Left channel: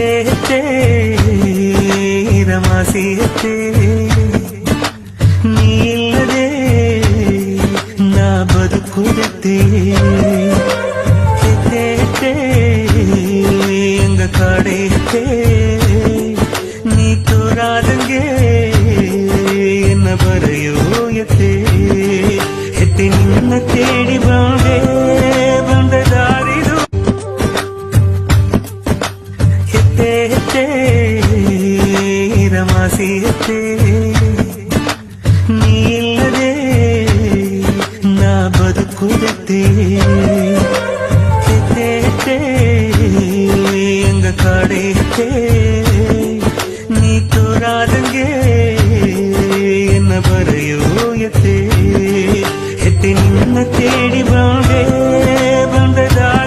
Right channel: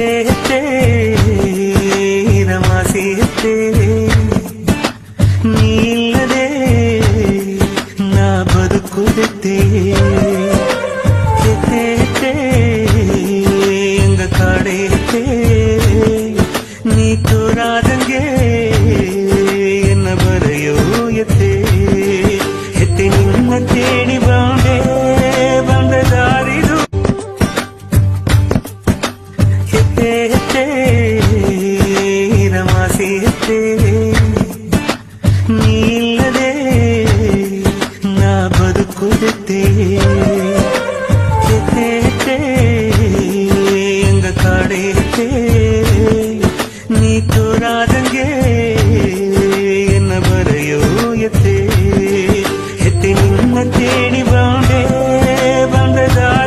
ಹೆತ್ತೆ ಹೆತ್ತೆ ರಮಾಸಿ ಹೆತ್ತೆ ನೀ ಇಲ್ಲದೆ ನಾ ಬದುಕುತ್ತೆ ಹೆತ್ತೆ ಹೆತ್ತೆ ಎಂಗ ಕಾಡೆ ಹೆತ್ತೆ ನೀ ತೋರಾದಂಗೆ ಎನ್ನ ಬರೆಯೋ ಎತ್ತೆ ಹೆತ್ತೆ ನಿನ್ನ ತೇಡಿ ಬಂದ ದಾರಿದು ಹೆತ್ತೆ ಹೆತ್ತೆ ರಮಾಸಿ ಹೆತ್ತೆ ನೀ ಇಲ್ಲದೆ ನಾ ಬದುಕುತ್ತೆ ಹೆತ್ತೆ ಹೆತ್ತೆ ಎಂಗ ಕಾಡೆ ಹೆತ್ತೆ ನೀ ತೋರಾದಂಗೆ ಎನ್ನ ಬರೆಯೋ ಎತ್ತೆ ಹೆತ್ತೆ ನಿನ್ನ ತೇಡಿ ಬಂದ ದಾರಿ